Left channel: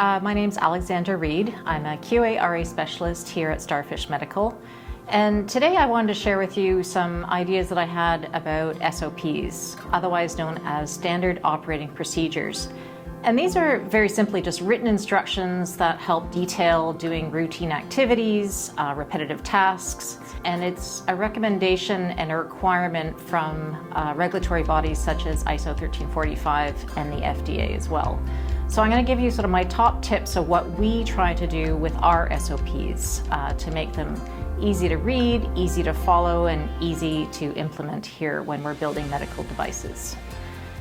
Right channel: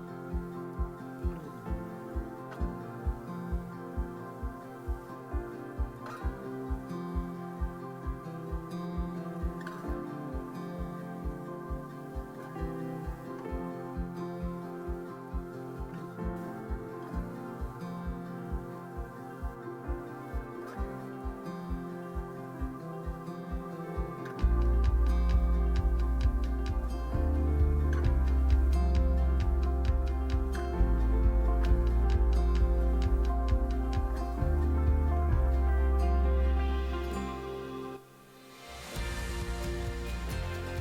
My name's Alexandra Reid. I'm a QA/RA specialist here at StarFish Medical. And today I wanted to share with you some ideas that I had about SOPs, otherwise known as standard operating procedures. And these are very simply just written instructions that help detail doing routine activities, repetitive tasks, and it's a recommendation and a requirement from regulatory bodies such as ISO 1345 and the FDA as well. So I'm going to give you sort of my top tips of what we try to do with our SOPs to make them easy to read, easy to follow, and easy to implement here when we're building medical devices.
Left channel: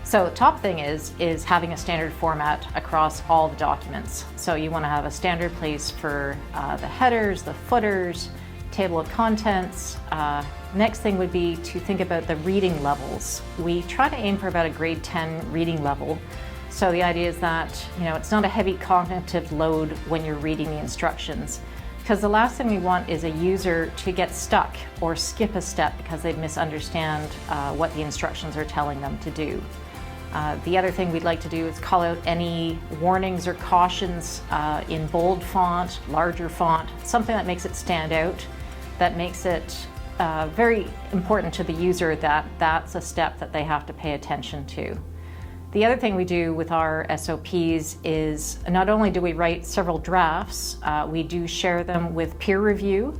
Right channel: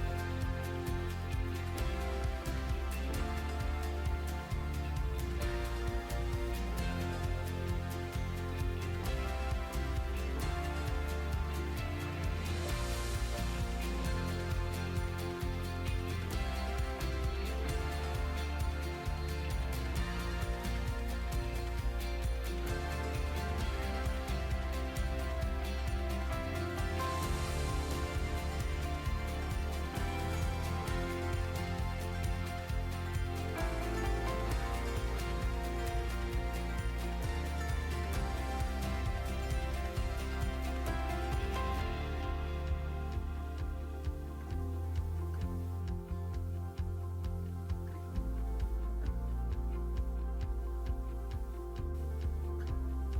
So the top thing is having a standard format across all the documents. So you want to have a standard place for the headers, the footers, table of contents. Next thing would be to think about the reading levels. We try to aim for about a grade 10 reading level. So the idea is that, it's not a heavy cognitive load when you're reading the instructions, because the last thing we want is a user to get stuck or skip a step because they misunderstand what the instructions are telling them to do. The other thing we'd like to do is call out any warnings or cautions in bold font, larger font, something that makes it stand out, that makes it very important to the user that that's a step that they have to pay attention to. The other thing we do with our SOPs is not only do we write several drafts, we do share them with peer review.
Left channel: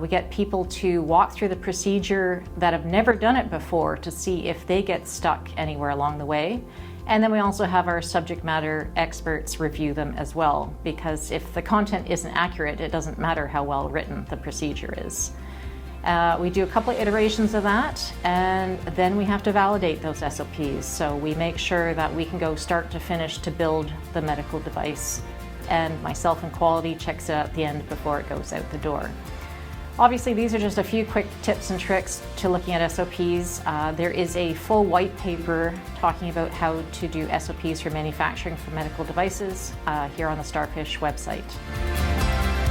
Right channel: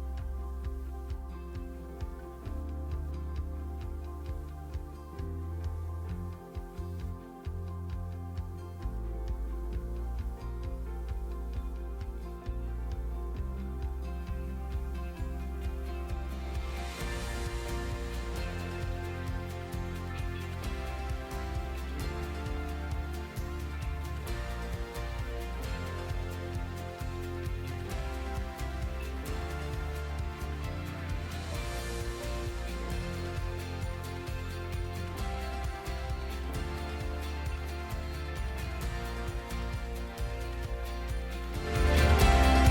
We get people to walk through the procedure that have never done it before to see if they get stuck anywhere along the way. And then we also have our subject matter experts review them as well, because if the content isn't accurate, it doesn't matter how well written the procedure is. We do a couple of iterations of that, and then we have to validate those SOPs. So we make sure that we can go start to finish to build the medical device, and myself and quality checks it at the end before it goes out the door. Obviously, these are just a few quick tips and tricks to looking at SOPs. There is a full white paper talking about how to do SOPs for manufacturing for medical devices here on the StarFish website.